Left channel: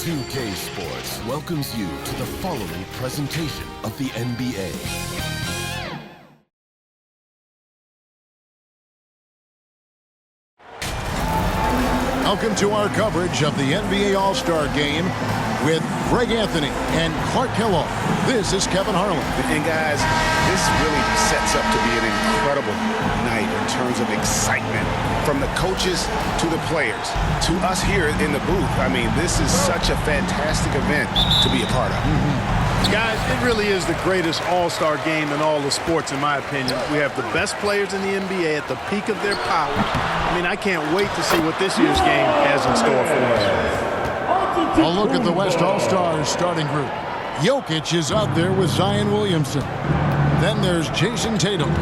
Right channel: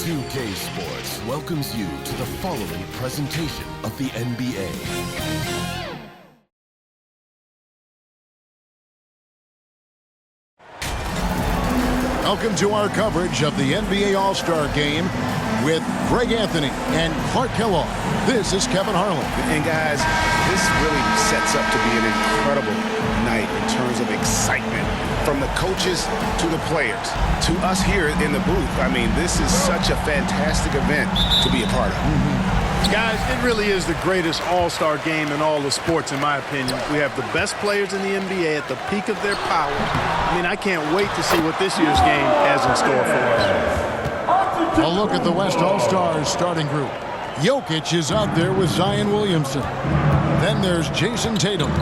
2K Sports welcomes you to the following presentation of the NBA. Welcome to our coverage of the NBA All-Star Game with Greg Anthony and Clark Kellogg. This is Kevin Harlan. And guys, this really sets up to be an incredible night in terms of excitement from the coaches to the players to us here in the booth. I mean, this is such a fantastic event to be a part of. Guys, it really is the greatest all-star game in all the sports, in my opinion. We have the best players in the NBA at the peak of their powers. I mean, I can't wait to see what this year's game has in store for us. A look at the West All-Stars starting group. Jokic is out there with Zion Williamson. Then there's Jason Tatum.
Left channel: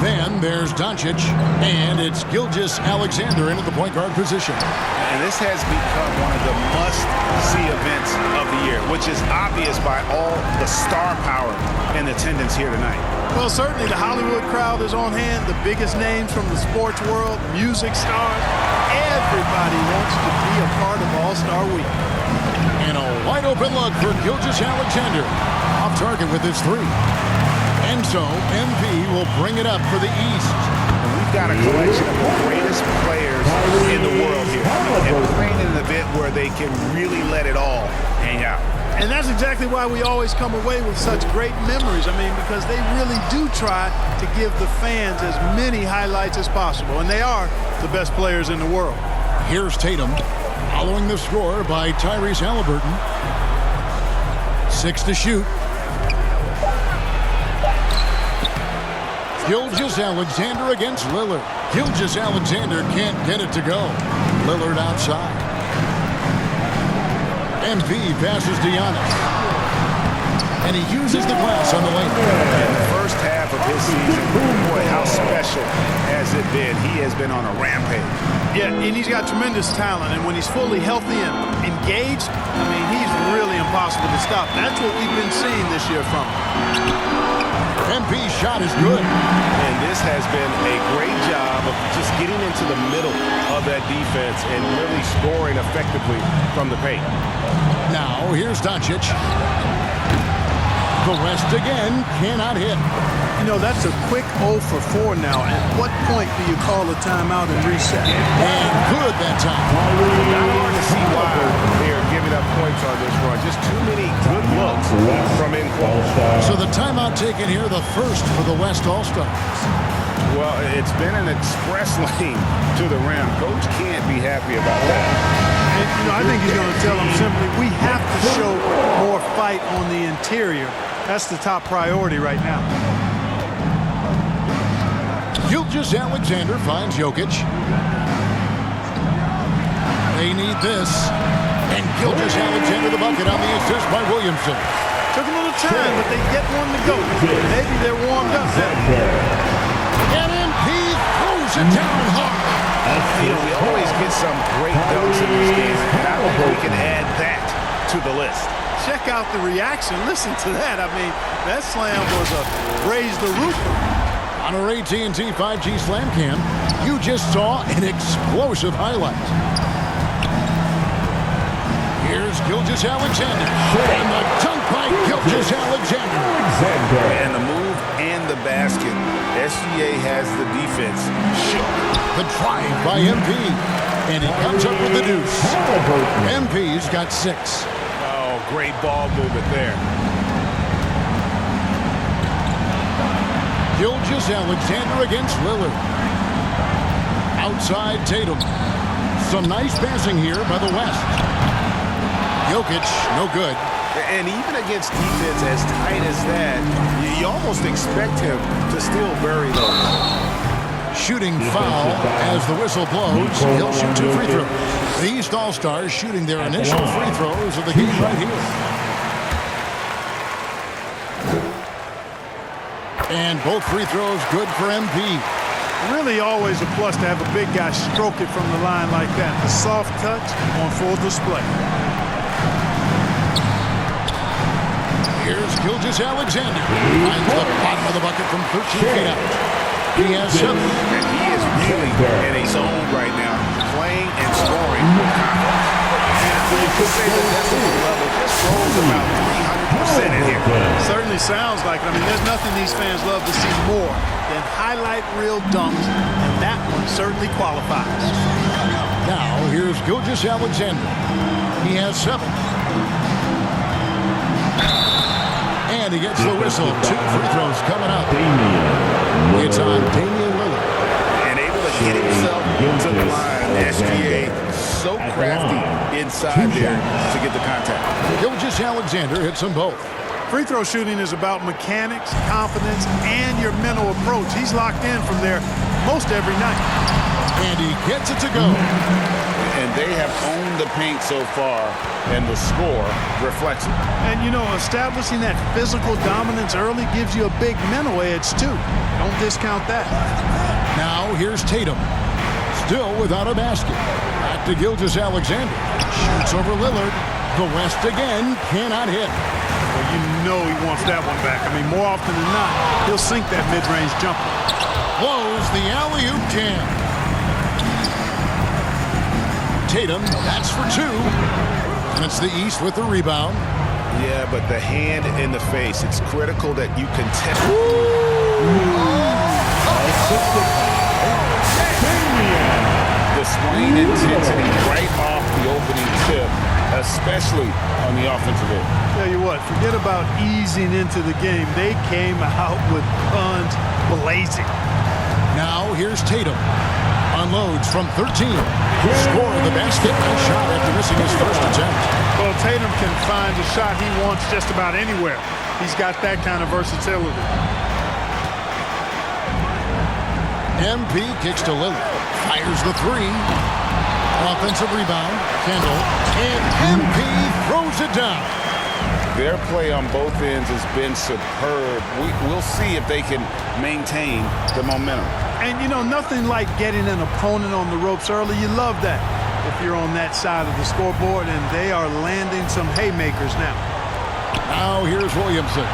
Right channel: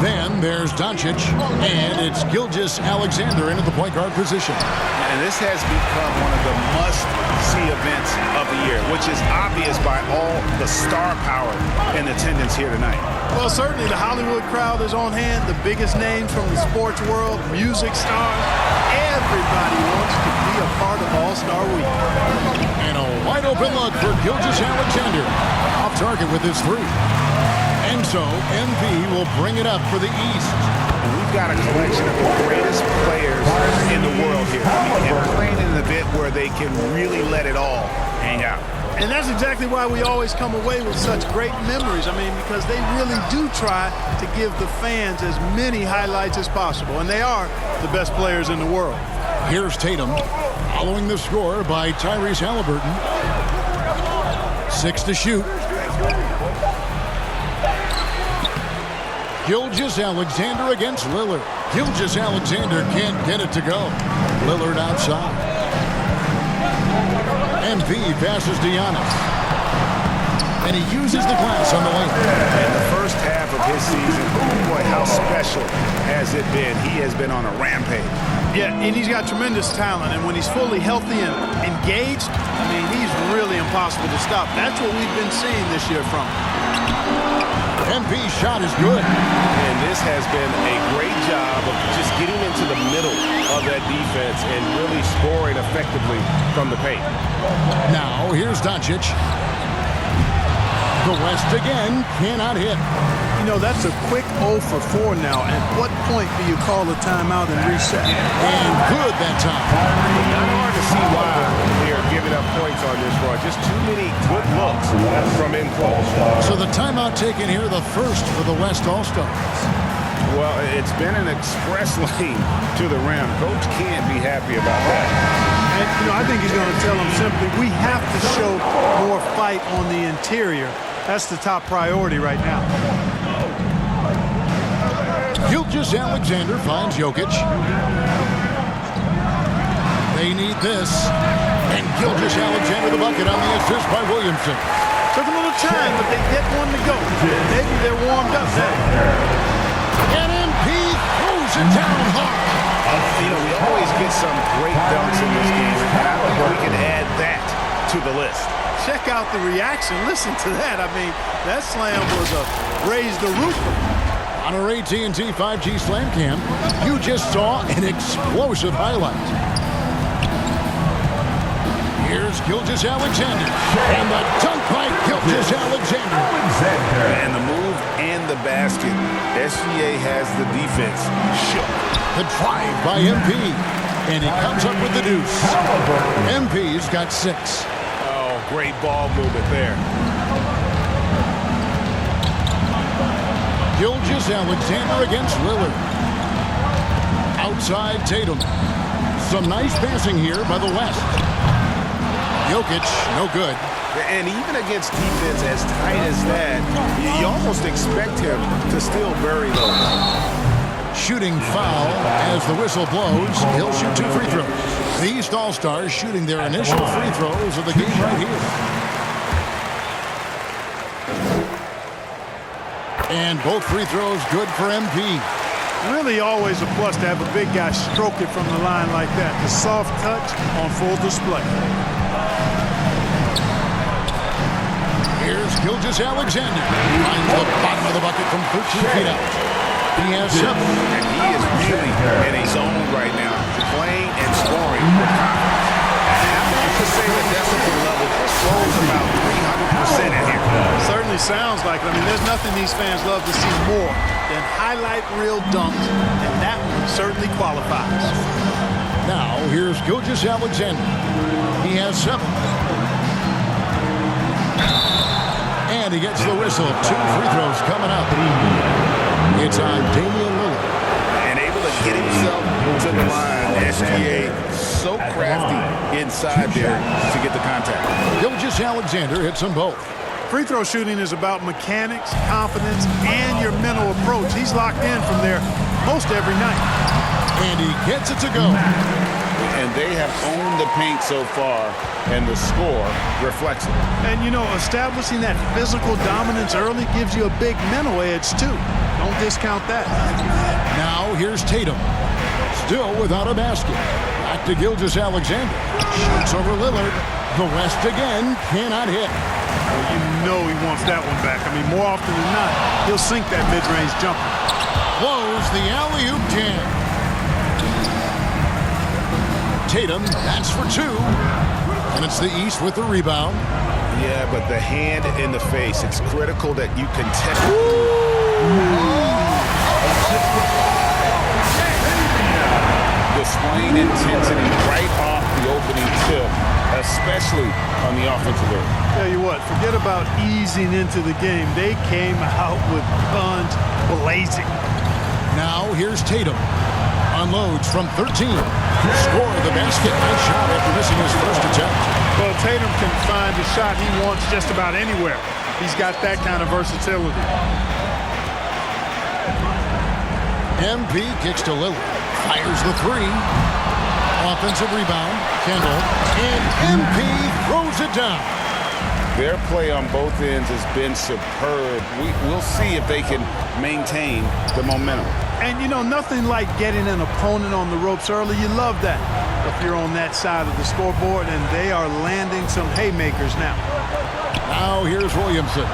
Then there's Doncic. And it's Gilgeous-Alexander into the point guard position. And this has become one of the must-see events of the year, which is obvious by all the star power in attendance here tonight. Well, certainly the Hollywood crowd is on hand, the biggest names from the sports world, music stars. Everybody wants to be a part of All-Star Week. And a wide-open look for Gilgeous-Alexander. Off target with his three. And so, MP will bring it up for the East. And we've got a collection of the greatest players in the world here. I mean, and playing in an event where they can really let it all hang out. And that's exactly why we always come away with such great memories. I mean, because they really do try to give the fans as many highlights as possible. And they are the best players in the world. Here's Tatum, following the score by Tyrese Halliburton. 6 to shoot. Gilgeous-Alexander against Lillard. Gilgeous-Alexander can't get it to go. Lillard outside. MP passes to Giannis. And he uses the glass on the lane. In the first half of his season, boy, how special has it been. He has been on a rampage. Yeah, and he's got tremendous talent. And when he's fully healthy and engaged, I mean, he's really impossible to stop. That's what we've been seeing this year from him. MP's shot is good. And this has been a great job of just getting into the middle of that defense and really scoring effectively from the paint. Now, here's Doncic. The West again cannot hit. You know, that's a quick 0 for 4 now. At what point do you call a timeout and reset? And good that time. Not hard to see why they are giving up points on this run. Just too many good looks from in close. So the timeout taken here, the first for the West All-Stars. Well, it's been an express lane to the rim. Coach can't be happy about that. And, you know, I think he's going to tell them simply, we have to show more fight on the interior. That's the top priority right now. Gilgeous-Alexander finds Jokic. They need this. And Gilgeous-Alexander the bucket on the assist by Williamson. Took a little time, but they get one to go. Maybe they're warmed up now. And MP throws it down hard. You know, we always get some great dunks in this game, and I think we can add that to the list. Check out the reaction. Listen to that. I mean, that slam was a raise the roofer. On our AT&T 5G Slam Cam, you just saw an explosive highlight. Here's Gilgeous-Alexander. And the dunk by Gilgeous-Alexander. And the move and the basket. SGA has the defense shook. The drive by MP. And he comes up with the deuce. MP's got 6. Oh, great ball movement there. Gilgeous-Alexander against Lillard. Outside Tatum. Some nice passing here by the West. Jokic, no good. And even against defense as tight as that, you almost expect him to still bury those. Shooting foul as the whistle blows. He'll shoot 2 free throws. The East All-Stars shooting their initial free throws of the game right here. And both free throws good for MP. Really always a plus to have a big guy stroke it from the line like that. The soft touch on full display. Here's Gilgeous-Alexander. Finds the bottom of the bucket from 13 feet out. He has 7. And he is really in a zone right now, playing and scoring with confidence. And after you could say the decibel level just rose about 300% in here. Certainly sounds like it. I mean, there's nothing these fans love to see more than highlight reel dunks, and that one certainly qualifies. Now, here's Gilgeous-Alexander. He has 7. And he gets the whistle. 2 free throws coming up. It's on Damian Lillard. And able to get himself to the line. SGA so crafty inside there to get the contact. Gilgeous-Alexander hits them both. Free throw shooting is about mechanics, confidence, and your mental approach. He's locked in from there most every night. And he gets it to go. And they have owned the paint so far, and the score reflects it. And, you know, establishing that physical dominance early gives you a big mental edge, too. Don't discount that. Now, here's Tatum. Still without a basket. Back to Gilgeous-Alexander. Shoots over Lillard. The West again cannot hit. Well, you know he wants that one back. I mean, more often than not, he'll sink that mid-range jumper. Blows the alley-oop jam. Tatum, that's for 2. And it's the East with the rebound. Yeah, but the hand in the face, it's critical that you contest. Displaying intensity right off the opening tip, especially on the offensive end. Tell you what, forget about easing into the game. They came out with guns blazing. Now here's Tatum. Unloads from 13. Score the basket. Nice shot after missing his first attempt. Well, Tatum can find a shot he wants just about anywhere. He's got that kind of versatility. MP kicks to Lillard. Fires the 3. Offensive rebound. Kendall. And MP throws it down. Their play on both ends has been superb. We'll see if they can maintain the momentum. And, you know, nothing like getting an opponent on the ropes early. You love that if you're on that side of the scoreboard, and they are landing some haymakers now. Now here's Williamson.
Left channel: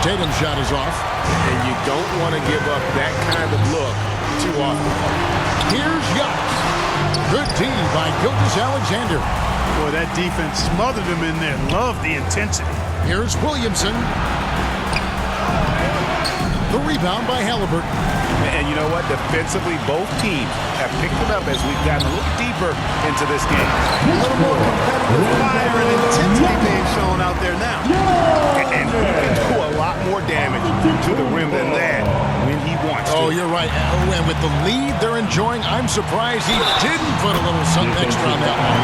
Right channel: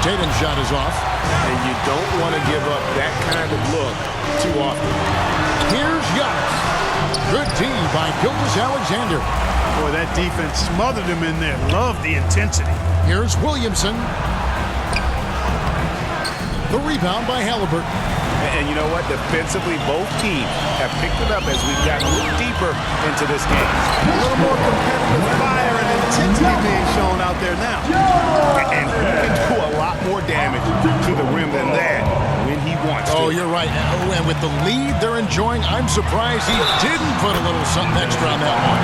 Tatum's shot is off. And you don't want to give up that kind of look too often. Here's Giannis. Good D by Gilgeous-Alexander. Boy, that defense smothered him in there. Love the intensity. Here's Williamson. The rebound by Halliburton. And you know what? Defensively, both teams have picked it up as we've gotten a little deeper into this game. A little more competitive fire and intensity being shown out there now. And he can do a lot more damage to the rim than that when he wants to. Oh, you're right. Oh, and with the lead they're enjoying, I'm surprised he didn't put a little something extra on that one.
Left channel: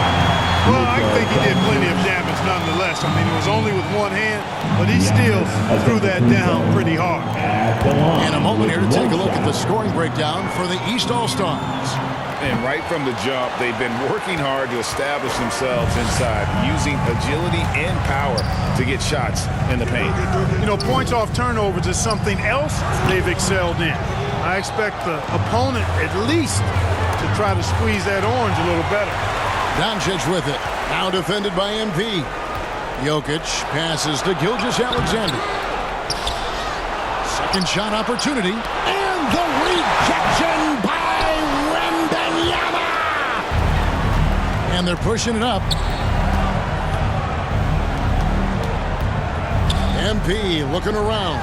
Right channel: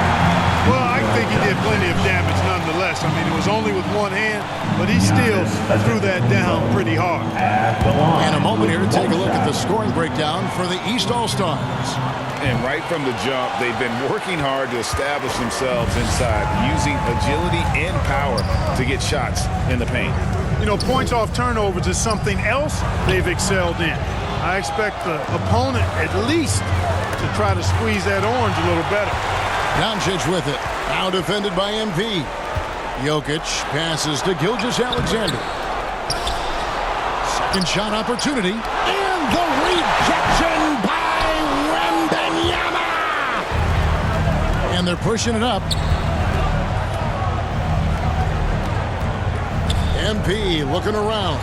Well, I think he did plenty of damage nonetheless. I mean, it was only with one hand, but he still threw that down pretty hard. And a moment here to take a look at the scoring breakdown for the East All-Stars. And right from the jump, they've been working hard to establish themselves inside, using agility and power to get shots in the paint. You know, points off turnovers is something else they've excelled in. I expect the opponent at least to try to squeeze that orange a little better. Doncic with it. Now defended by MP. Jokic passes to Gilgeous-Alexander. Second shot opportunity. And the rejection by Wemban Yama. And they're pushing it up. MP looking around.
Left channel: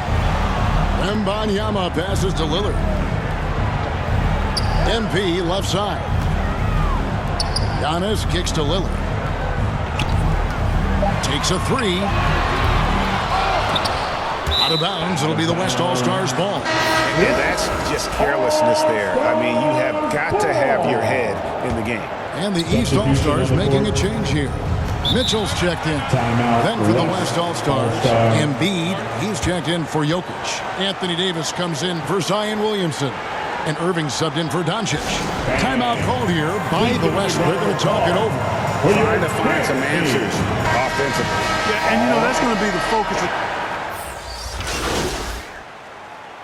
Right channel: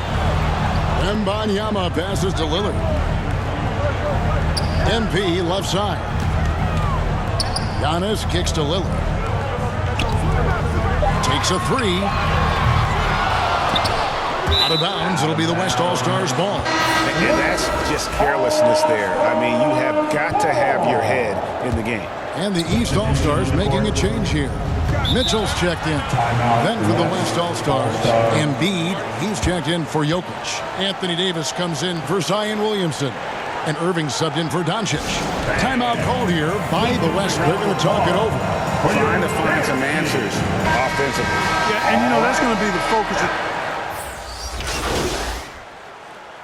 Wemban Yama passes to Lillard. MP left side. Giannis kicks to Lillard. Takes a 3. Out of bounds. It'll be the West All-Stars ball. And that's just carelessness there. I mean, you have got to have your head in the game. And the East All-Stars making a change here. Mitchell's checked in. Then for the West All-Stars, Embiid, he's checked in for Jokic. Anthony Davis comes in for Zion Williamson. And Irving subbed in for Doncic. Timeout called here by the West. They're going to talk it over. Trying to find some answers offensively. Yeah, and you know, that's going to be the focus.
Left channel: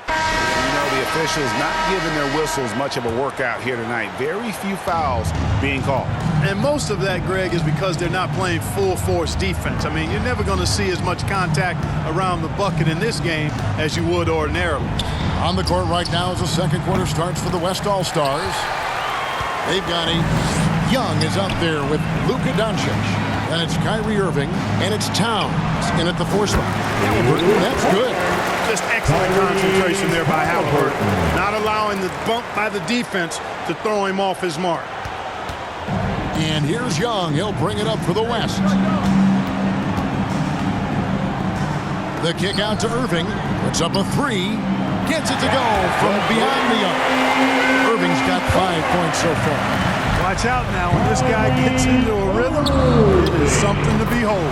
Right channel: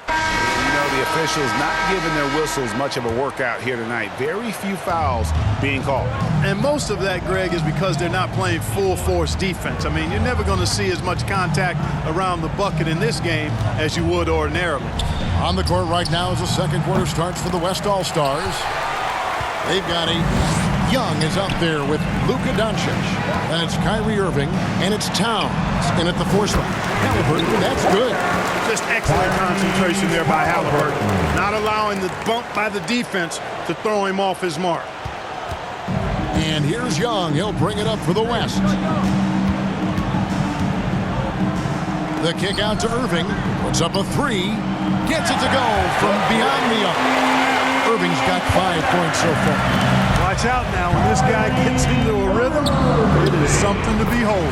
You know, the officials not giving their whistles much of a workout here tonight. Very few fouls being called. And most of that, Greg, is because they're not playing full-force defense. I mean, you're never going to see as much contact around the bucket in this game as you would ordinarily. On the court right now as the second quarter starts for the West All-Stars. They've got a Young is out there with Luka Doncic. Then it's Kyrie Irving, and it's Towns in at the 4 spot. Halliburton, that's good. Just excellent concentration there by Halliburton. Not allowing the bump by the defense to throw him off his mark. And here's Young. He'll bring it up for the West. The kick out to Irving. Puts up a 3. Gets it to go from beyond the arc. Irving's got 5 points so far. Watch out now. When this guy gets into a rhythm, it is something to behold.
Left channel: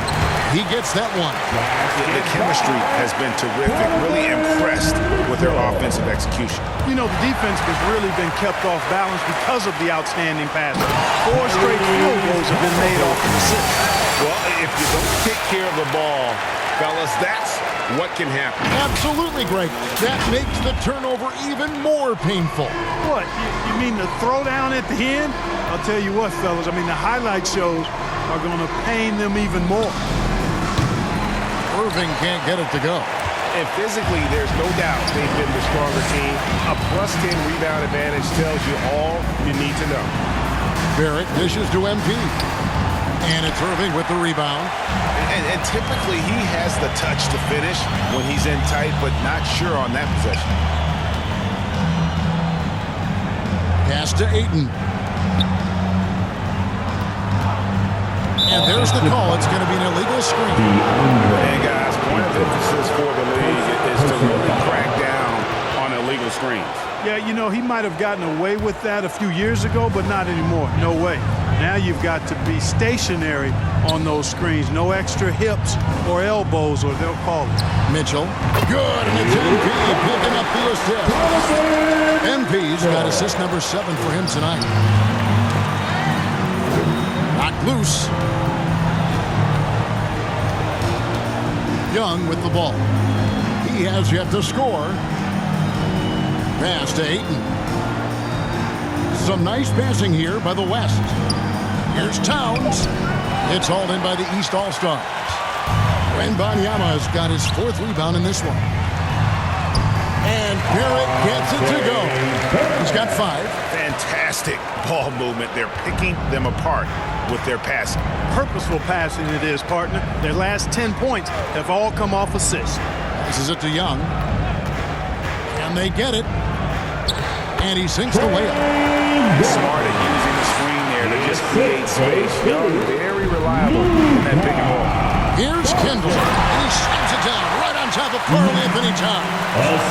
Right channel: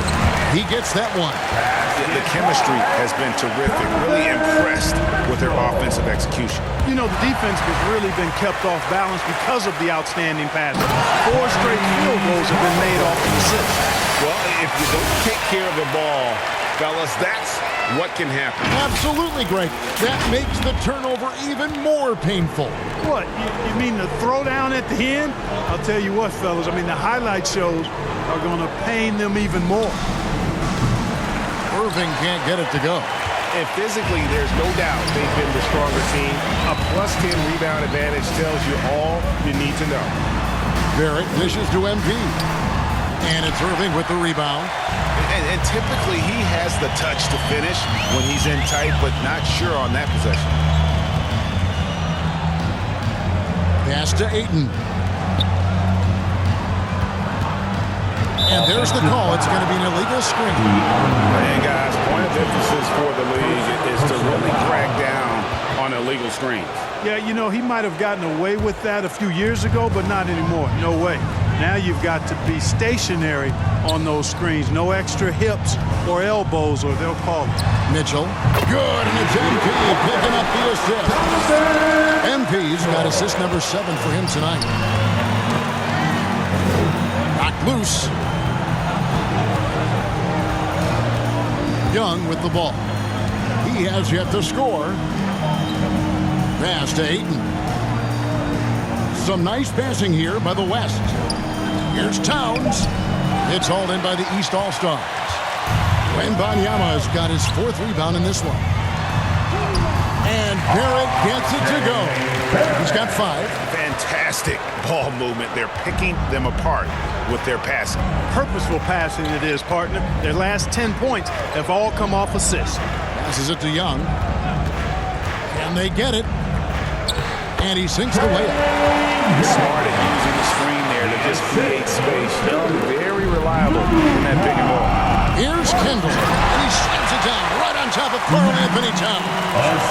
He gets that one. Yeah, the chemistry has been terrific. Really impressed with their offensive execution. You know, the defense has really been kept off balance because of the outstanding passing. 4 straight field goals have been made off of assists. Well, if you don't take care of the ball, fellas, that's what can happen. Absolutely, Greg. That makes the turnover even more painful. What? You mean the throwdown at the end? I'll tell you what, fellas. I mean, the highlight shows are going to pain them even more. Irving can't get it to go. And physically, there's no doubt they've been the stronger team. A +10 rebound advantage tells you all you need to know. Barrett dishes to MP. And it's Irving with the rebound. And typically, he has the touch to finish when he's in tight, but not sure on that possession. Pass to Ayton. And there's the call. It's going to be an illegal screen. And guys, point of emphasis for the league is to really crack down on illegal screens. Yeah, you know, he might have gotten away with that a few years ago, but not anymore. No way. Now you've got to be stationary on those screens. No extra hips or elbows, or they'll call it. Mitchell. Good, and it's MP picking up the assist. MP's got assist number 7 for him tonight. Knocked loose. Young with the ball. He has yet to score. Pass to Ayton. Some nice passing here by the West. Here's Towns. It's hauled in by the East All-Stars. Wemban Yama has got his 4th rebound in this one. And Barrett gets it to go. He's got 5. Fantastic ball movement. They're picking them apart with their passing. Purposeful passing it is, partner. Their last 10 points have all come off assists. Passes it to Young. Can they get it? And he sinks the way up. Smart at using the screen there to just create space. Young, very reliable in that pick and roll. Here's Kendall, and he slams it down right on top of Karl Anthony Towns.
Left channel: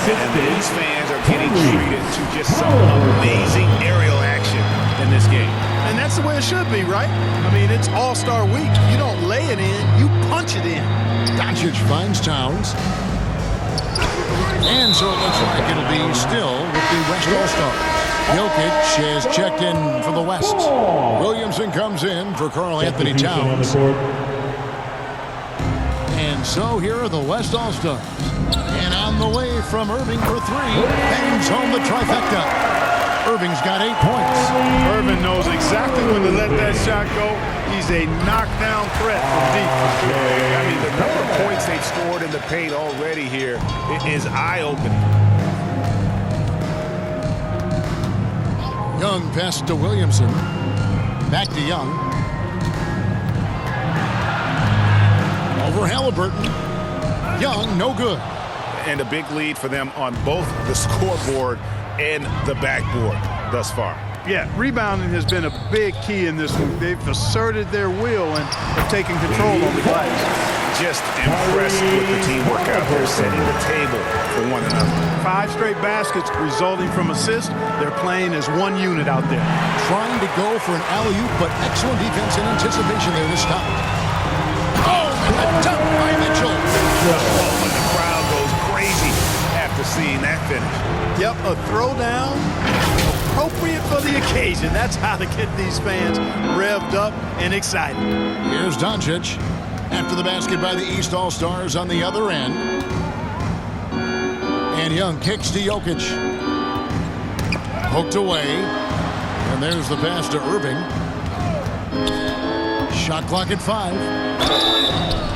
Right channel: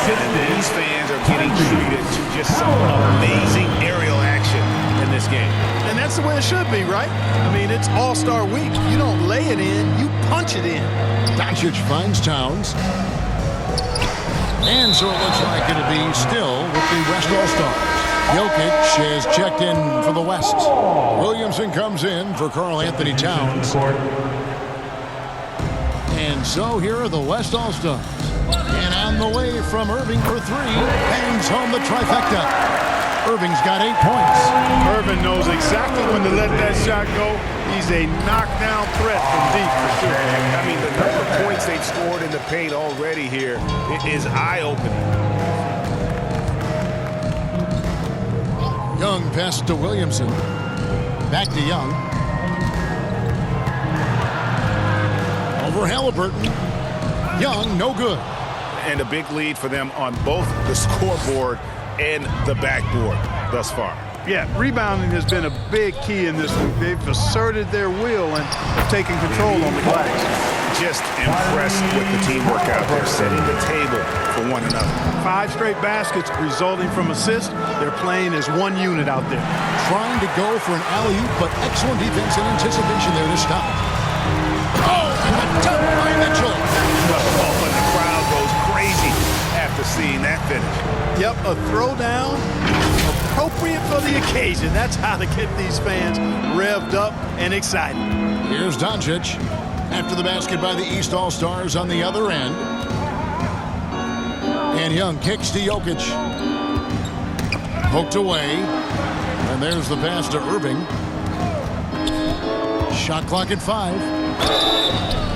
And these fans are getting treated to just some amazing aerial action in this game. And that's the way it should be, right? I mean, it's All-Star Week. You don't lay it in, you punch it in. Doncic finds Towns. And so it looks like it'll be still with the West All-Stars. Jokic is checked in for the West. Williamson comes in for Karl Anthony Towns. And so here are the West All-Stars. And on the way from Irving for 3, bangs home the trifecta. Irving's got 8 points. Irving knows exactly when to let that shot go. He's a knockdown threat from deep for sure. I mean, the number of points they've scored in the paint already here is eye-opening. Young passes to Williamson. Back to Young. Over Halliburton. Young, no good. And a big lead for them on both the scoreboard and the backboard thus far. Yeah, rebounding has been a big key in this one. They've asserted their will and have taken control on the glass. Just impressed with the teamwork out there, setting the table for one another. 5 straight baskets resulting from assists. They're playing as one unit out there. Trying to go for an alley-oop, but excellent defense and anticipation there to stop it. Oh, and the dunk by Mitchell. Oh, and the crowd goes crazy after seeing that finish. Yep, a throwdown appropriate for the occasion. That's how to get these fans revved up and excited. Here's Doncic after the basket by the East All-Stars on the other end. And Young kicks to Jokic. Poked away. And there's the pass to Irving. Shot clock at 5.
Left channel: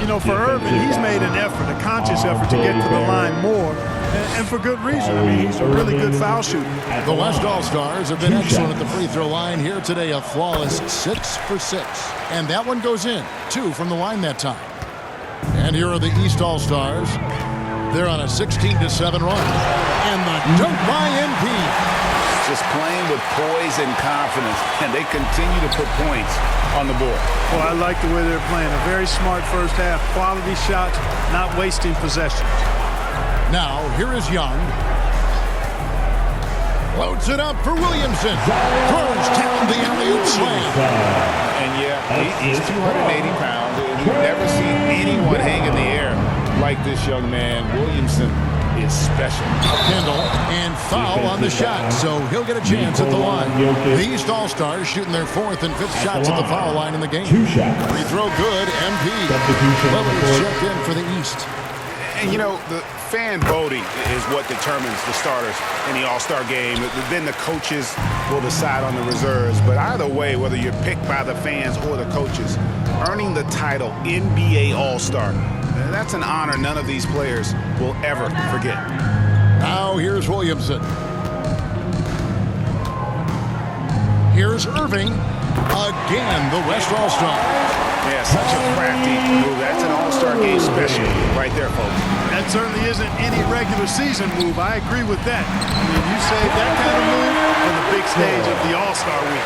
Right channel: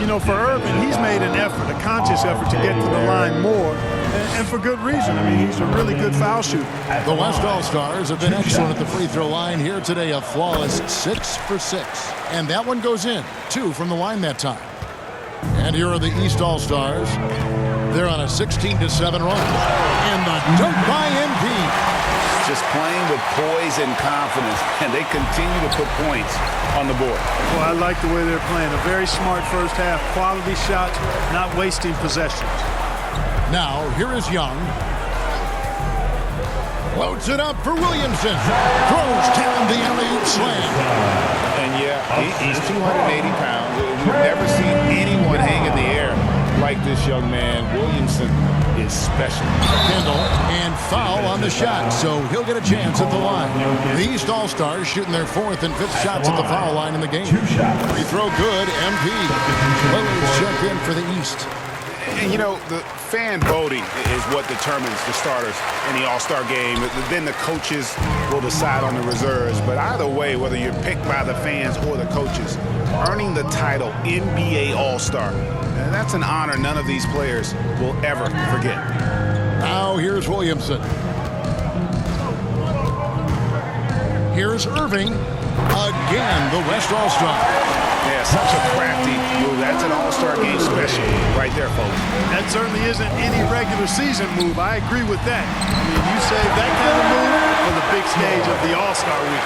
You know, for Irving, he's made an effort, a conscious effort to get to the line more. And for good reason. I mean, he's a really good foul shooter. The West All-Stars have been excellent at the free throw line here today. A flawless 6 for 6. And that one goes in. 2 from the line that time. And here are the East All-Stars. They're on a 16-7 run. And the dunk by MP. Just playing with poise and confidence, and they continue to put points on the board. Well, I like the way they're playing. A very smart first half. Quality shots, not wasting possessions. Now, here is Young. Loads it up for Williamson. Throws down the alley-oop slam. And yeah, he's 280 pounds. We've never seen anyone hang in the air like this young man. Williamson is special. Kendall, and foul on the shot, so he'll get a chance at the line. The East All-Stars shooting their 4th and 5th shots at the foul line in the game. Free throw good, MP. Lillard's checked in for the East. And, you know, the fan voting is what determines the starters in the All-Star game. Then the coaches will decide on the reserves. But either way, whether you're picked by the fans or the coaches, earning the title NBA All-Star, that's an honor none of these players will ever forget. Now here's Williamson. Here's Irving. Again, the West All-Star. Yeah, such a crafty move. That's an All-Star game special right there, folks. That certainly isn't any regular season move. I agree with that. I mean, you save that kind of move for the big stage of the All-Star week.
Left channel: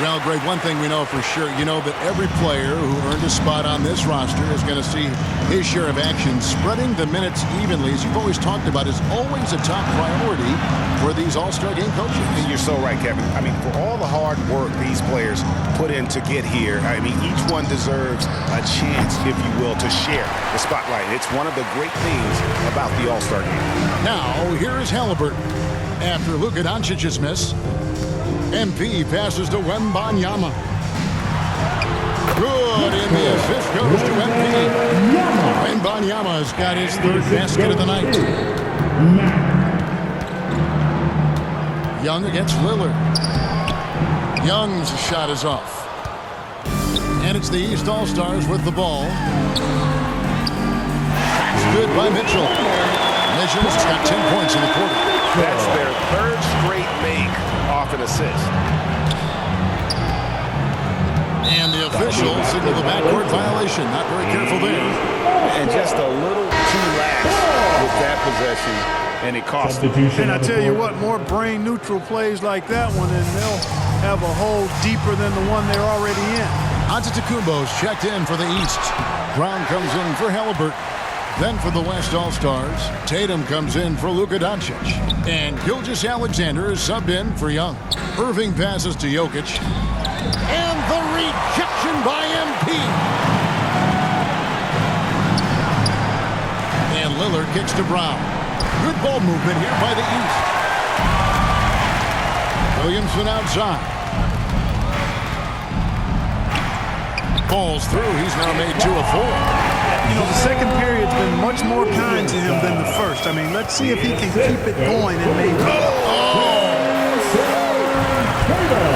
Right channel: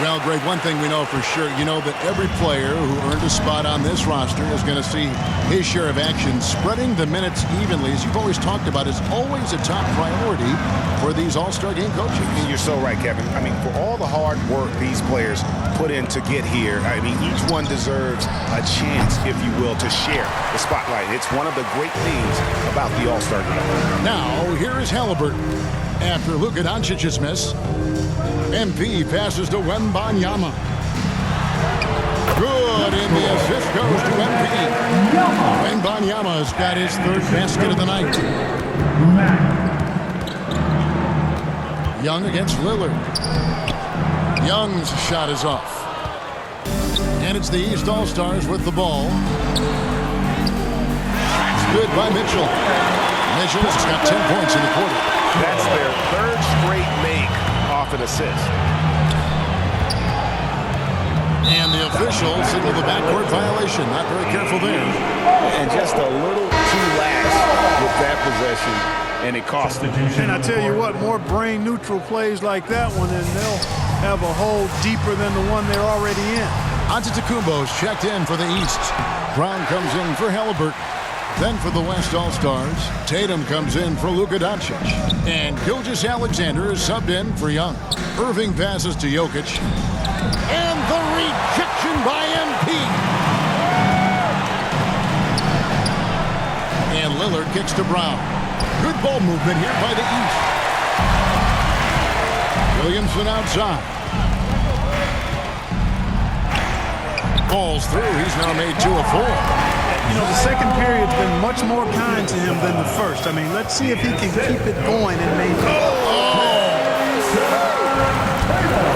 Well, Greg, one thing we know for sure, you know that every player who earned a spot on this roster is going to see his share of action. Spreading the minutes evenly, as you've always talked about, is always a top priority for these All-Star game coaches. And you're so right, Kevin. I mean, for all the hard work these players put in to get here, I mean, each one deserves a chance, if you will, to share the spotlight. It's one of the great things about the All-Star game. Now, here is Halliburton. After Luka Doncic's miss, MP passes to Wemban Yama. Good, and the assist goes to MP. Wemban Yama's got his 3rd basket of the night. Young against Lillard. Young's shot is off. And it's the East All-Stars with the ball. It's good by Mitchell. Mitchell's got 10 points in the quarter. That's their 3rd straight make off an assist. And the official signaled the backcourt violation. Not very careful there. And just a little too lax with that possession, and it cost them. And I tell you what, more brain-neutral plays like that one, and they'll have a hole deeper than the one they're already in. Antetokounmpo's checked in for the East. Brown comes in for Halliburton. Then for the West All-Stars, Tatum comes in for Luka Doncic. And Gilgeous-Alexander is subbed in for Young. Irving passes to Jokic. And the rejection by MP. And Lillard kicks to Brown. Good ball movement here by the East. Williamson outside. Ball's through. He's now made 2 of 4. You know, the second period's been much more kind to him than the first. I mean, let's see if he can keep it going and maybe...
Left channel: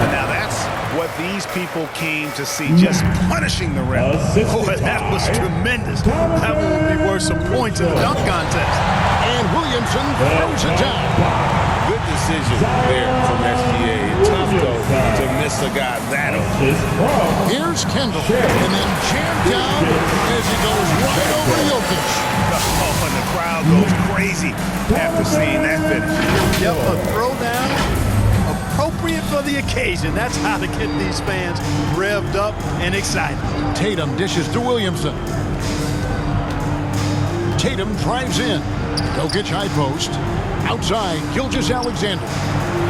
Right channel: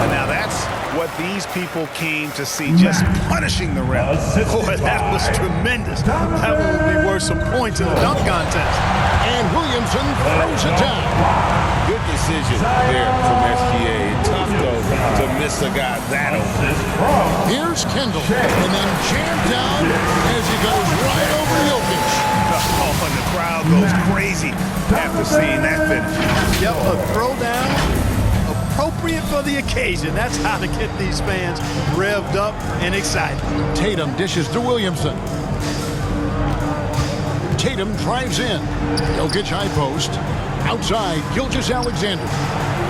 And now that's what these people came to see, just punishing the ref. Boy, that was tremendous. That one will be worth some points in the dunk contest. And Williamson throws it down. Good decision there from SGA. Tough, though, to miss a guy that open. Here's Kendall, and then jammed down as he goes right over Jokic. Oh, and the crowd goes crazy after seeing that finish. Yep, a throwdown appropriate for the occasion. That's how to get these fans revved up and excited. Tatum dishes to Williamson. Tatum drives in. Jokic high post. Outside, Gilgeous-Alexander.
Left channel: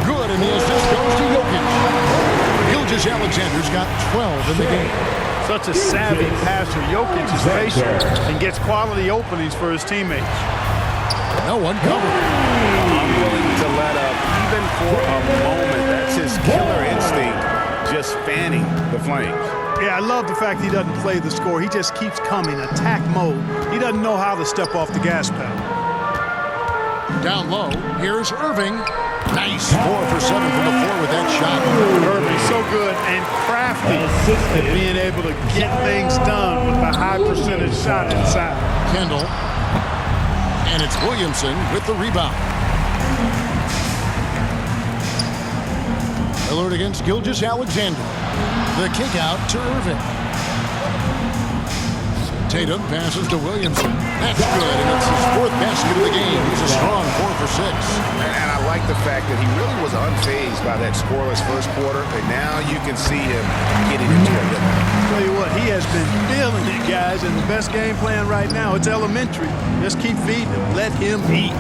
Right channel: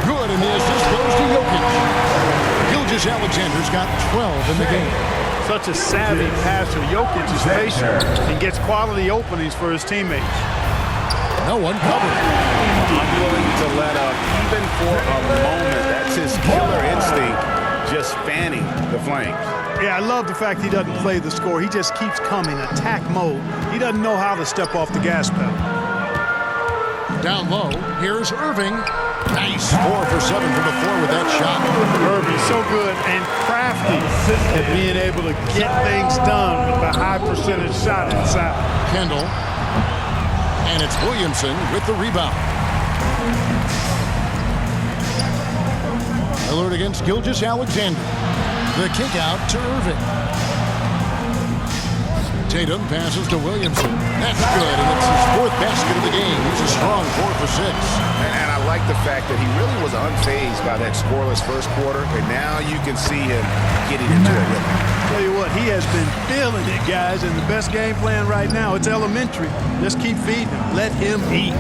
Good, and the assist goes to Jokic. Gilgeous-Alexander's got 12 in the game. Such a savvy passer. Jokic is patient and gets quality openings for his teammates. No one covered. Unwilling to let up, even for a moment. That's his killer instinct, just fanning the flames. Yeah, I love the fact he doesn't play the score. He just keeps coming, attack mode. He doesn't know how to step off the gas pedal. Down low, here's Irving. Nice 4 for 7 from the floor with that shot. Irving, so good and crafty at being able to get things done with the high percentage shot inside. Kendall. And it's Williamson with the rebound. Lillard against Gilgeous-Alexander. The kick out to Irving. Tatum passes to Williamson. That's good, and it's his 4th basket of the game. He's a strong 4 for 6. And I like the fact that he really was unfazed by that scoreless first quarter, and now you can see him getting into a rhythm. Tell you what, he has been feeling it, guys, and the best game plan right now, it's elementary. Just keep feeding him. Let him eat.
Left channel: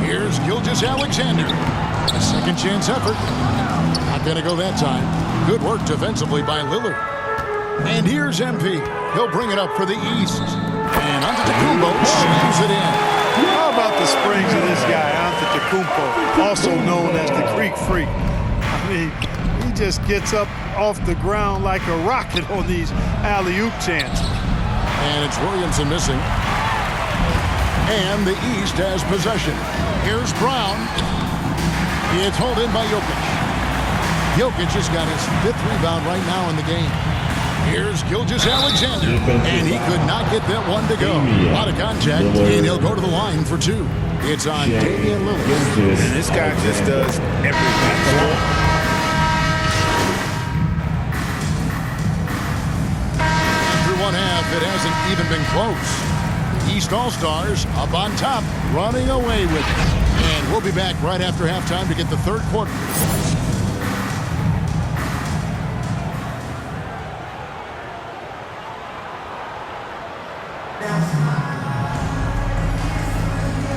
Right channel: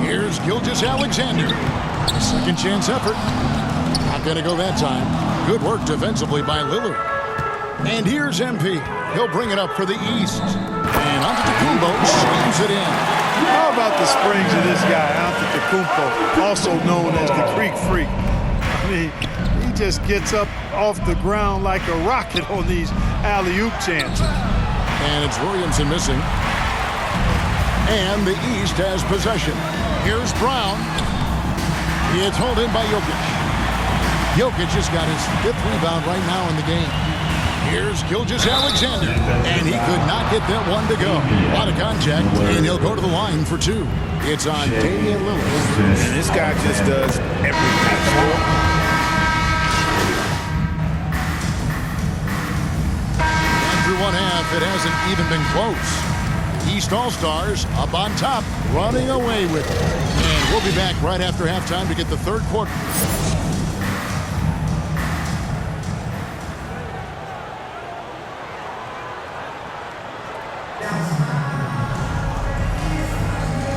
Here's Gilgeous-Alexander. A second chance effort. Not going to go that time. Good work defensively by Lillard. And here's MP. He'll bring it up for the East. And Antetokounmpo slams it in. How about the springs of this guy, Antetokounmpo, also known as the Greek Freak? I mean, he just gets up off the ground like a rocket on these alley-oop chances. And it's Williamson missing. And the East has possession. Here's Brown. It's hauled in by Jokic. Jokic has got his 5th rebound right now in the game. Here's Gilgeous-Alexander, and he could not get that one to go. A lot of contact, and he'll go to the line for 2. It's on Damian Lillard. And this guy just does everything. After one half, it hasn't even been close. The East All-Stars up on top, running away with it. And we'll be back right after halftime to get the 3rd quarter.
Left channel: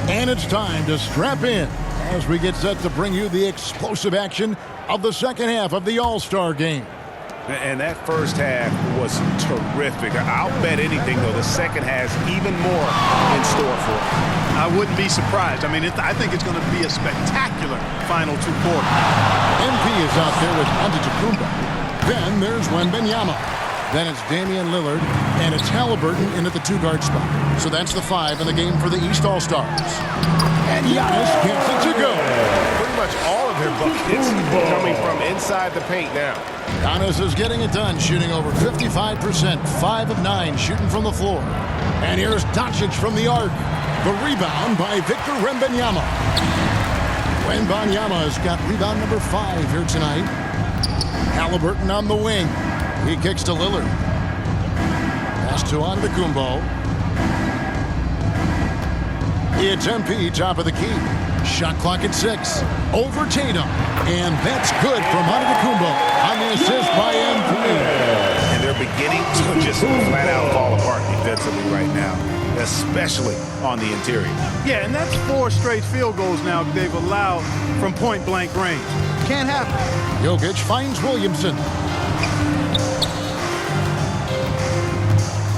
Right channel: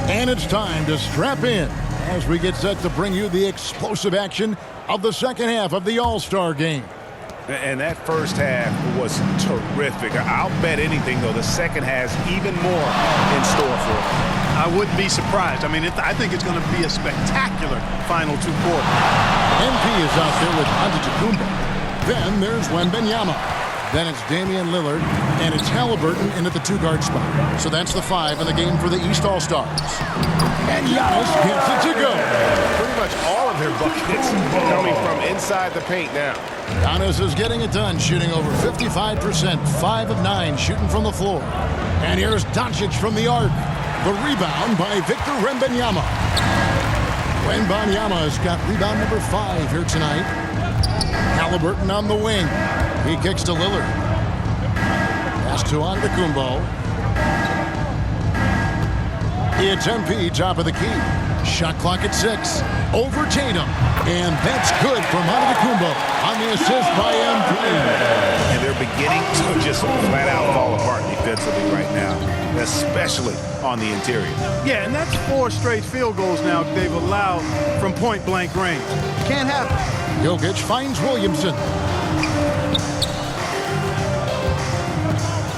And it's time to strap in as we get set to bring you the explosive action of the second half of the All-Star game. And that first half was terrific. I'll bet anything, though, the second has even more in store for it. I wouldn't be surprised. I mean, I think it's going to be a spectacular final 2 quarters. MP is out there with Antetokounmpo. Then there's Wembanyama. Then it's Damian Lillard, and it's Halliburton in at the 2-guard spot. So that's the 5 in the game for the East All-Stars. And Giannis gets it to go. Pretty much all of their buckets coming from inside the paint now. Giannis is getting it done, shooting over 55%, 5 of 9 shooting from the floor. And here's Doncic from the arc. The rebound by Victor Wembanyama. Wembanyama has got rebound number 5 here tonight. Halliburton on the wing. He kicks to Lillard. Pass to Antetokounmpo. It's MP, top of the key. Shot clock at 6. Over Tatum. And that's good from Antetokounmpo on the assist by MP. And they're beginning to just flat out fall apart defensively right now, especially on the interior. Yeah, and that's 4 straight field goals now they've allowed from point-blank range. Can't happen. Jokic finds Williamson.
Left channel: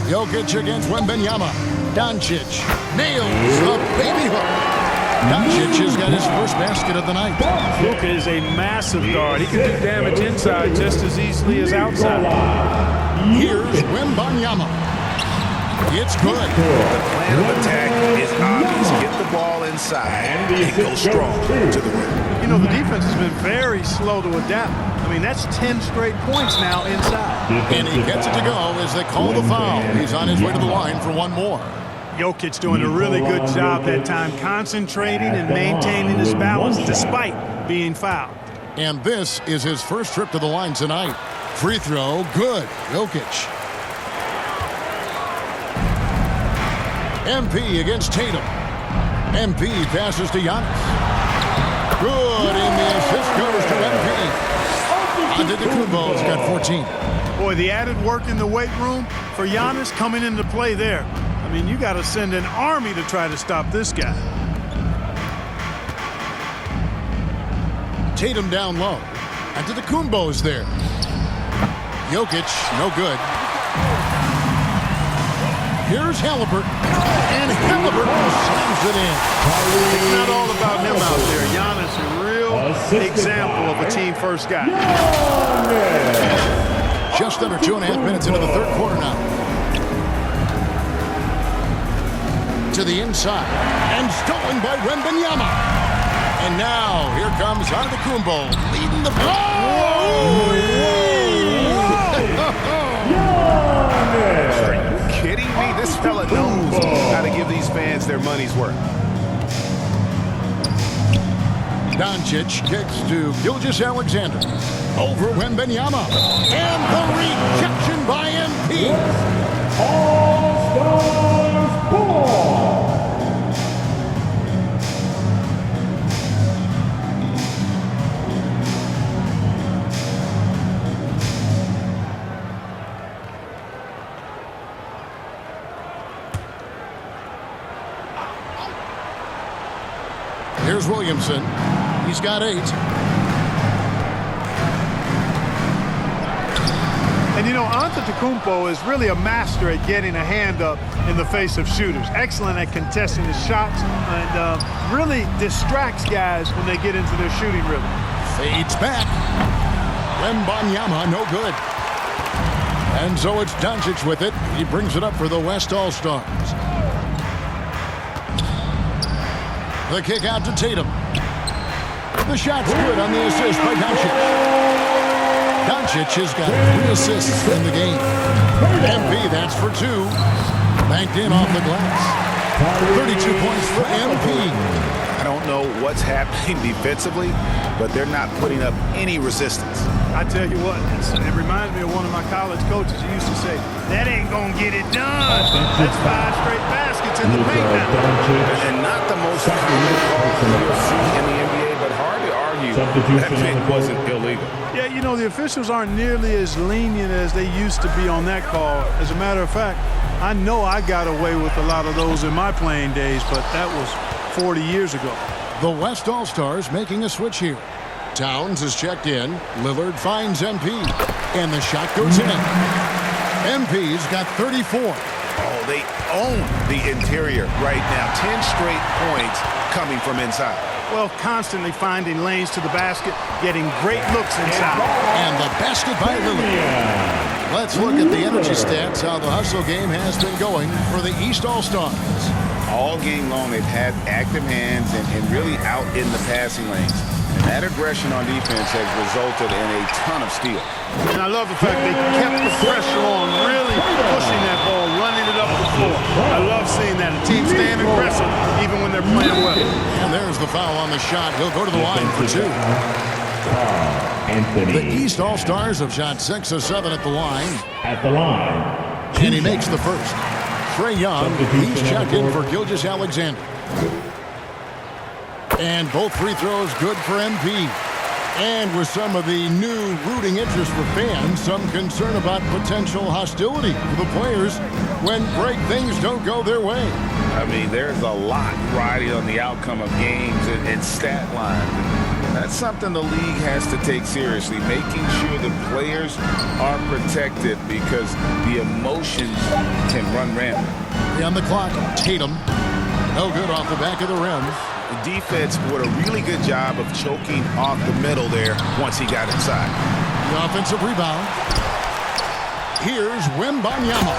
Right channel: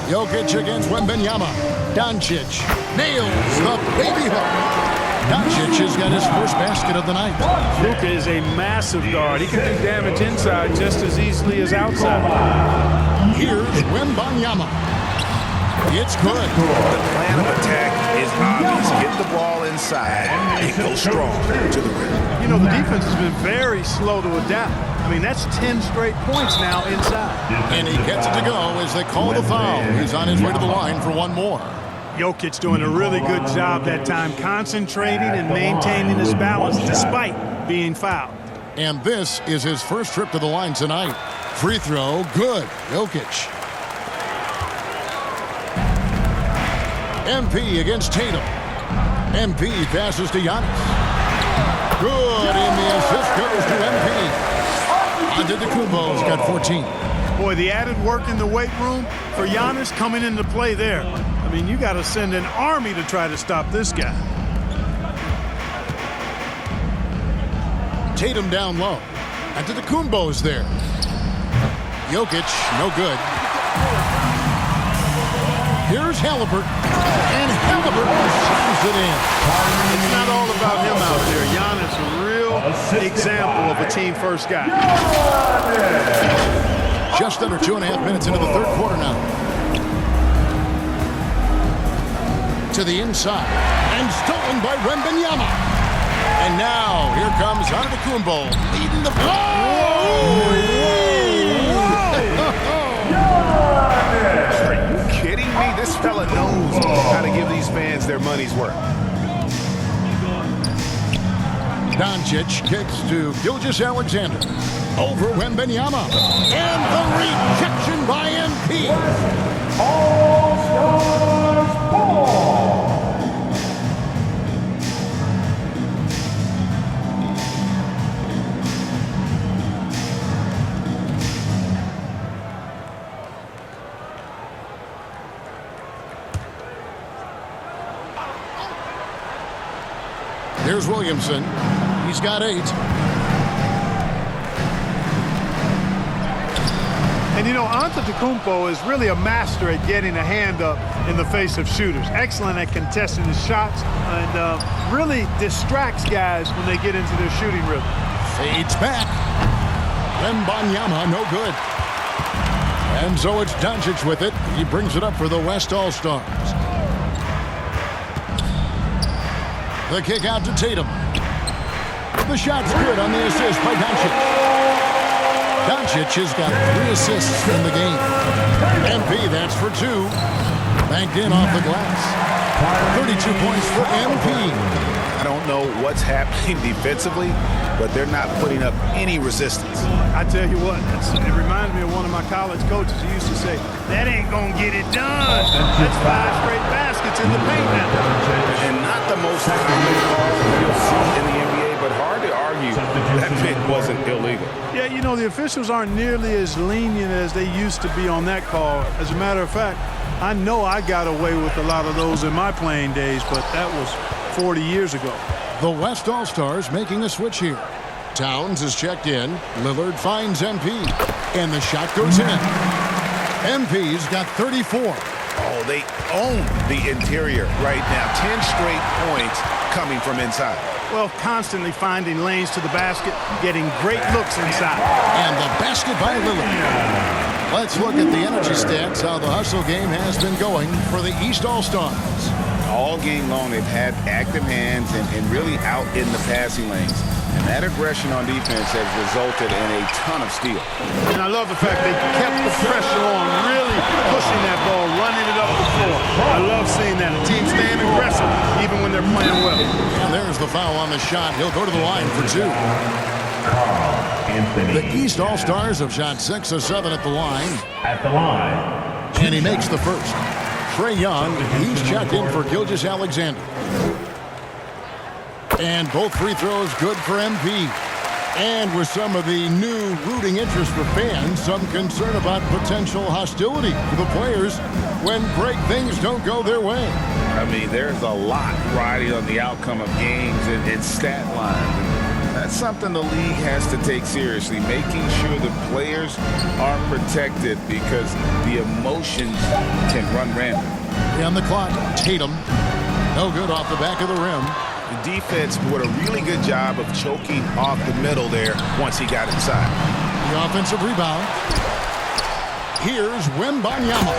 Jokic against Wembanyama. Doncic nails the baby hook. Doncic has got his first basket of the night. Luka is a massive guard. He can do damage inside just as easily as outside. Here's Wembanyama. It's good. The plan of attack is obvious. Get the ball inside and go strong to the rim. You know, the defense has been very slow to adapt. I mean, that's 10 straight points now inside. And he gets it to go as they call the foul. He's on his way to the line for one more. Jokic doing a really good job that time, concentrating and maintaining his balance despite being fouled. And this is his first trip to the line tonight. Free throw, good. Jokic. MP against Tatum. MP passes to Giannis. Good, and the assist goes to MP. Antetokounmpo's got 14. Boy, the added work in the weight room for Giannis coming into play there. I mean, you got to send an army to try to stop this guy. Tatum down low. Antetokounmpo's there. Jokic, no good. Here's Halliburton. And Halliburton slams it in. It's not all about him out there. Giannis, a real example of a team-first guy. Just under 2.5 minutes into the third quarter now. To the inside. And stolen by Wembanyama. And now, here comes Antetokounmpo leading the Are you kidding me? This fella knows how to give the these fans their money's worth. Doncic kicks to Gilgeous-Alexander. Over Wembanyama. And the rejection by MP. All-Stars ball. Here's Williamson. He's got 8. And you know, Antetokounmpo is really a master at getting a hand up in the face of shooters. Excellent at contesting his shots and really distracts guys when they get into their shooting rhythm. Fades back. Wembanyama, no good. And so it's Doncic with it. He brings it up for the West All-Stars. The kick out to Tatum. The shot's good on the assist by Doncic. Doncic has got 3 assists in the game. MP, that's for 2. Banked in off the glass. 32 points for MP. I don't know what's happening defensively, but they're not putting up any resistance. I tell you what, it reminds me of one of my college coaches. He used to say, that ain't gonna get it done. That's 5 straight baskets in the paint now. And not the most common call you'll see in the NBA, but hard to argue that it wasn't illegal. Yeah, you know, the officials aren't nearly as lenient as they used to be on that call. As a matter of fact, I know I got away with a lot of those in my playing days, but that was 40 years ago. The West All-Stars making a switch here. Towns is checked in. Lillard finds MP. And the shot goes in. MP's got 34. Oh, they own the interior right now. 10 straight points coming from inside. Well, constantly finding lanes to the basket, getting great looks inside. And the basket by Lillard. Let's look at the energy stats, how the hustle game has been going for the East All-Stars. All game long, they've had active hands and really out in the passing lanes. And that aggression on defense has resulted in a ton of steals. And I love the fact they kept the pressure on, really pushing that ball, running it up the floor. I love seeing that. A team staying aggressive even when they're playing well. And there's the foul on the shot. He'll go to the line for 2. The East All-Stars have shot 6 of 7 at the line. And he makes the first. Trae Young, he's checked in for Gilgeous-Alexander. And both free throws good for MP. And with some of the new rooting interest for fans, some concern about potential hostility for the players when great things don't go their way. I mean, there's a lot riding on the outcome of games and stat lines. And that's something the league has to take seriously, making sure the players are protected because the emotions can run rampant. On the clock, Tatum. No good off the back of the rim. The defense did a really good job of choking off the middle there once he got inside. The offensive rebound. Here's Wembanyama.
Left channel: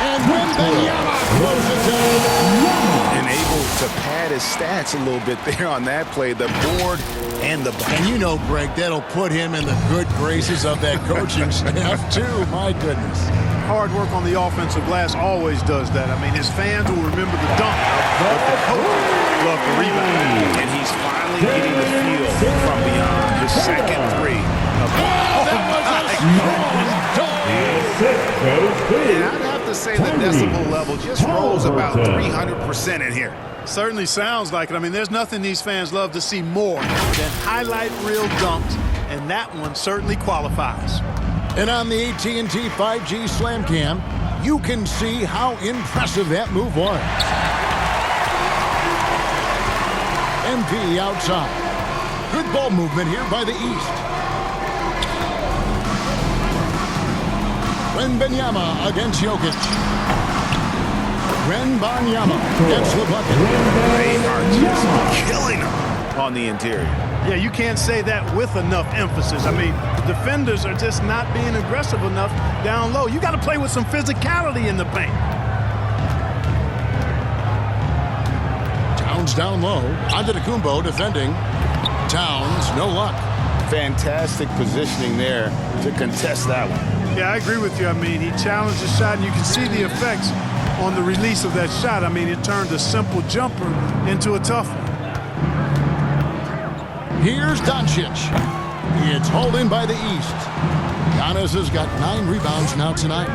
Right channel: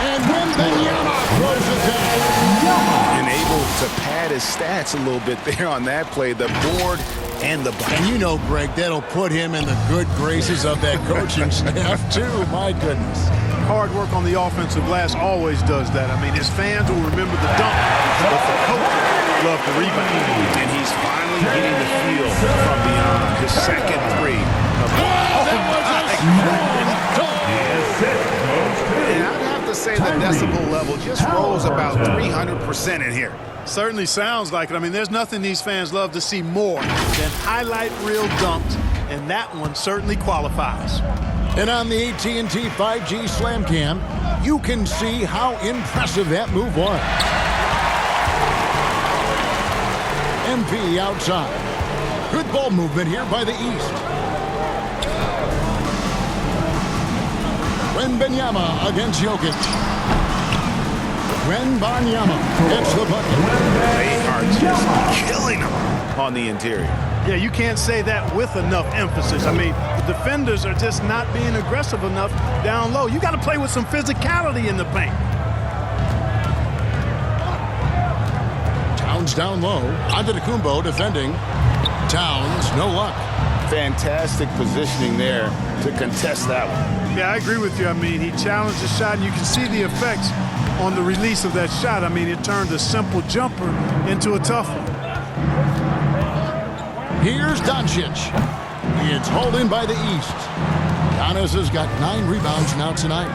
And Wembanyama throws it down. And able to pad his stats a little bit there on that play. The board and the bucket. And you know, Greg, that'll put him in the good graces of that coaching staff, too. My goodness. Hard work on the offensive glass always does that. I mean, his fans will remember the dunk, but the coaches love the rebound. And he's finally getting the feel from beyond. His second 3. And I'd have to say the decibel level just rose about 300% in here. Certainly sounds like it. I mean, there's nothing these fans love to see more than highlight reel dunks, and that one certainly qualifies. And on the AT&T 5G Slam Cam, you can see how impressive that move was. MP outside. Good ball movement here by the East. Wembanyama against Jokic. Wembanyama gets the bucket. They are just killing him on the interior. Yeah, you can't say that with enough emphasis. I mean, the defenders are just not being aggressive enough down low. You got to play with some physicality in the paint. Towns down low. Antetokounmpo defending. Towns, no luck. Fantastic positioning there to contest that one. Yeah, I agree with you. I mean, he challenged the shot, and you can see the effects. on the release of that shot. I mean, it turned a simple jumper into a tough one. Here's Doncic. It's hauled in by the East. Giannis has got 9 rebounds now tonight.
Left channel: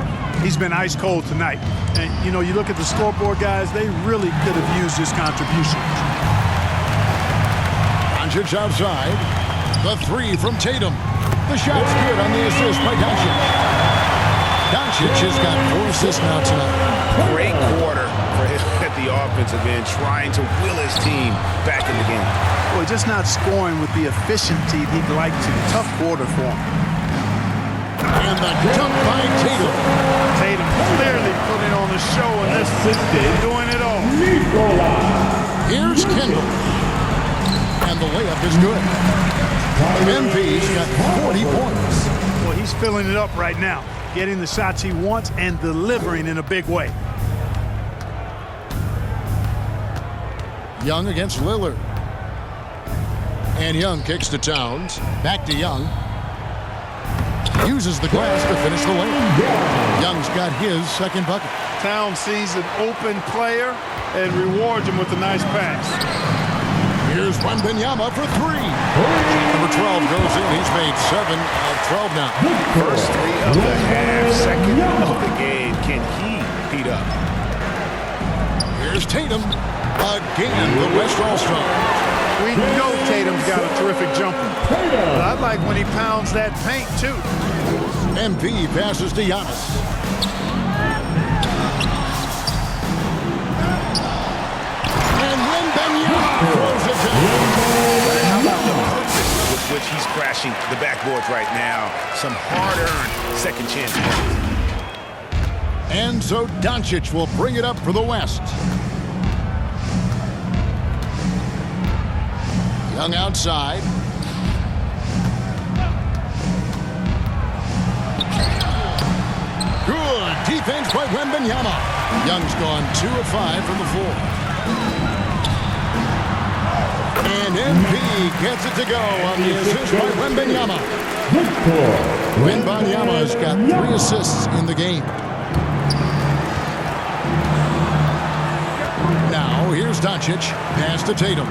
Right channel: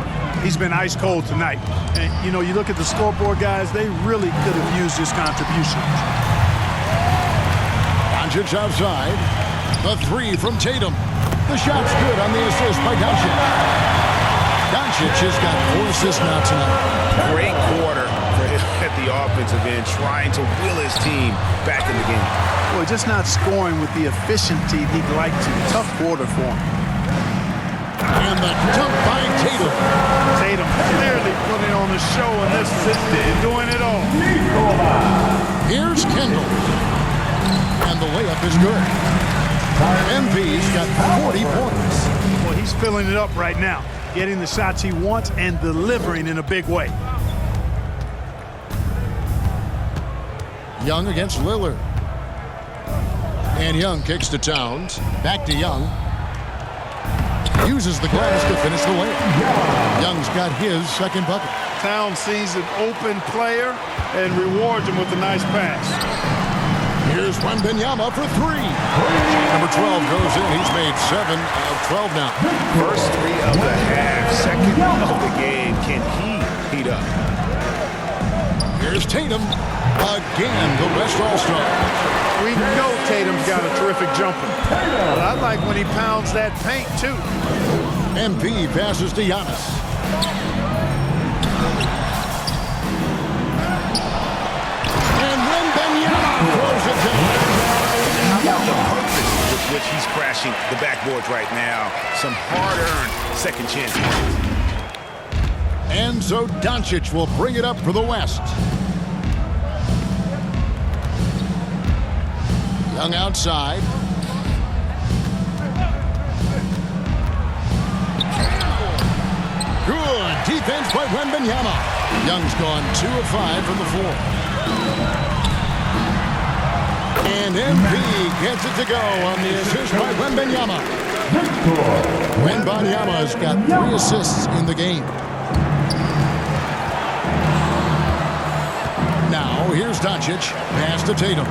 He's been ice cold tonight. And, you know, you look at the scoreboard, guys, they really could have used his contribution. Doncic outside. The 3 from Tatum. The shot's good on the assist by Doncic. Doncic has got 4 assists now tonight. Great quarter for him at the offensive end, trying to will his team back in the game. Boy, just not scoring with the efficiency he'd like to. Tough quarter for him. And the dunk by Tatum. Tatum clearly putting on the show in this, doing it all. Here's Kendall. And the layup is good. MP's got 40 points. Well, he's filling it up right now, getting the shots he wants and delivering in a big way. Young against Lillard. And Young kicks to Towns. Back to Young. Uses the glass to finish the layup. Young's got his second bucket. Towns sees an open player and rewards him with a nice pass. Here's Wemban Yama for 3. Shot number 12 goes in. He's made 7 of 12 now. First 3 of the half, second of the game. Can he heat up? Here's Tatum. Again, the West All-Stars. We know Tatum's got a terrific jumper. But I like when he pounds that paint, too. MP passes to Giannis. And Wemban Yama throws it down. How about the purpose with which he's crashing the backboards right now? Some hard-earned second chance points. And so Doncic will bring it up for the West. Young outside. Good defense by Wemban Yama. Young's gone 2 of 5 from the floor. And MP gets it to go on the assist by Wemban Yama. Wemban Yama has got 3 assists in the game. Now here's Doncic. Pass to Tatum.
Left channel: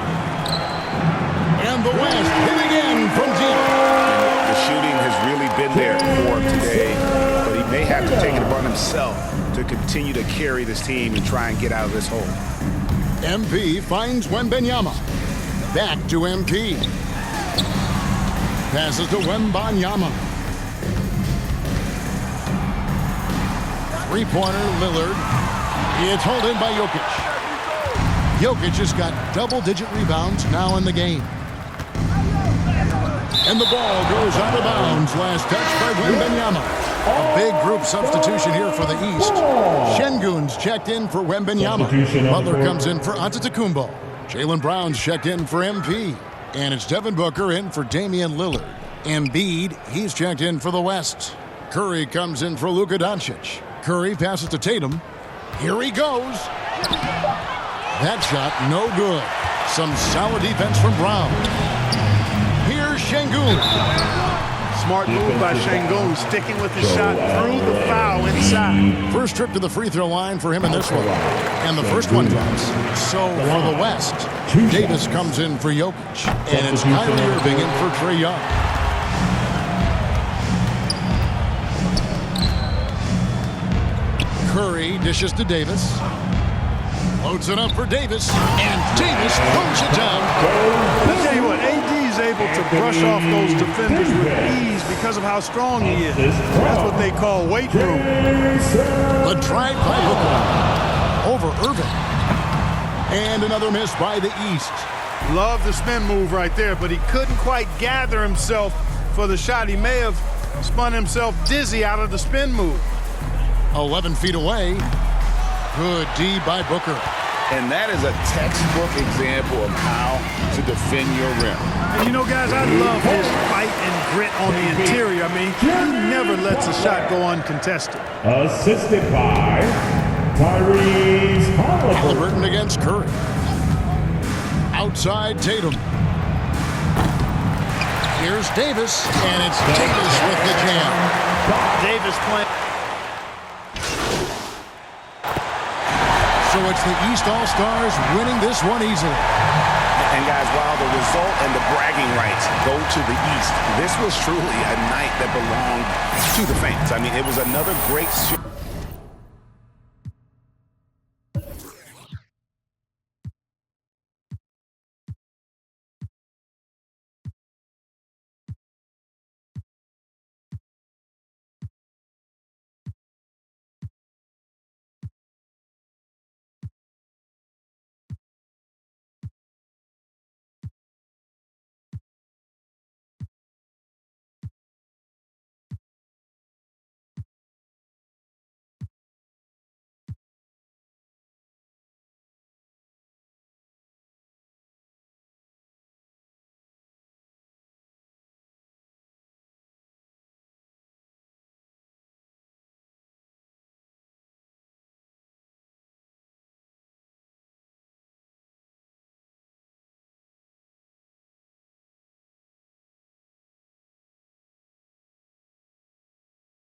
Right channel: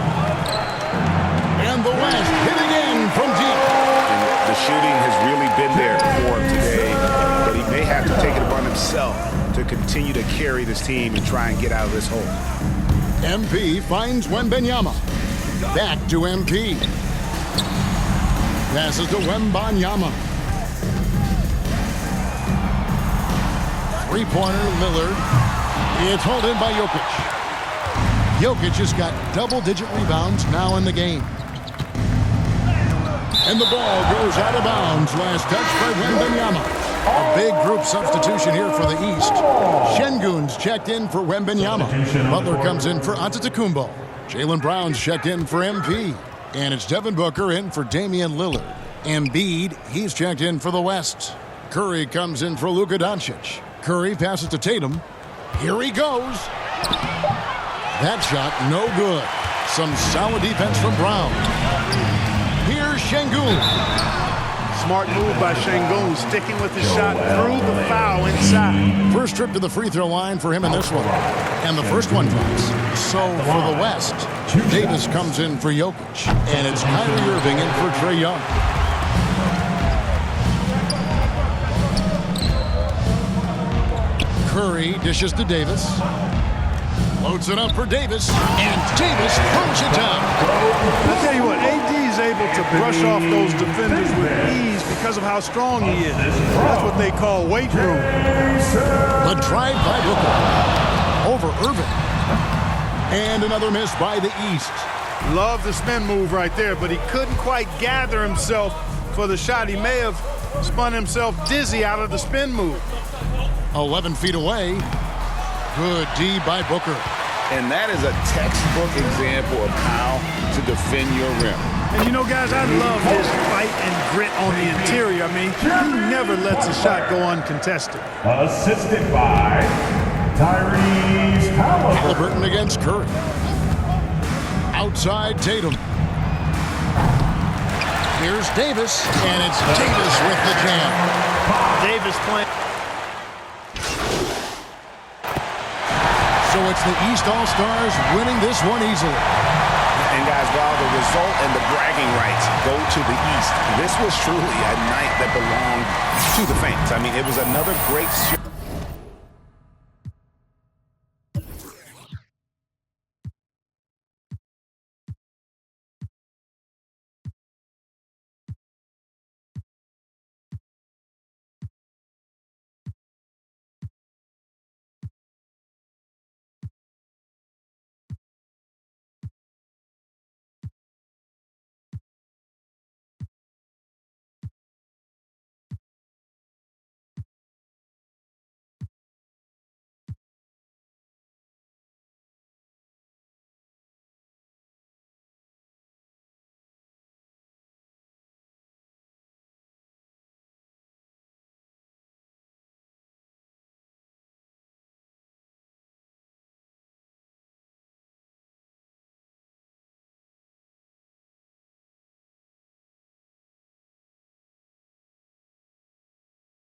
And the West hit again from deep. And the shooting has really been there for him today, but he may have to take it upon himself to continue to carry this team and try and get out of this hole. MP finds Wemban Yama. Back to MP. Passes to Wemban Yama. 3-pointer Lillard. It's hauled in by Jokic. Jokic has got double-digit rebounds now in the game. And the ball goes out of bounds. Last touch by Wemban Yama. A big group substitution here for the East. Şengün's checked in for Wemban Yama. Butler comes in for Antetokounmpo. Jaylen Brown's checked in for MP. And it's Devin Booker in for Damian Lillard. Embiid, he's checked in for the West. Curry comes in for Luka Doncic. Curry passes to Tatum. Here he goes. That shot, no good. Some solid defense from Brown. Here's Şengün. Smart move by Şengün, sticking with his shot through the foul inside. First trip to the free throw line for him in this one. And the first one drops. So for the West, Davis comes in for Jokic. And it's Kyrie Irving in for Trae Young. Curry dishes to Davis. Loads it up for Davis, and Davis throws it down. I'll tell you what, AD is able to brush off those defenders with ease because of how strong he is. That's what they call weight room. The drive by Booker over Irving. And another miss by the East. Love the spin move right there, but he couldn't quite gather himself for the shot. He may have spun himself dizzy out of the spin move. 11 feet away. Good D by Booker. And that is a textbook example of how to defend your rim. And you know, guys, I love his fight and grit on the interior. I mean, he never lets a shot go uncontested. Assisted by Tyrese Halliburton against Curry. Outside Tatum. Here's Davis, and it's Davis with the jam. Davis playing. So it's the East All-Stars winning this one easily. And guys, while the result and the bragging rights go to the East, this was truly a night that belonged to the fans. I mean, it was another great show.